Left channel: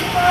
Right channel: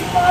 Bye.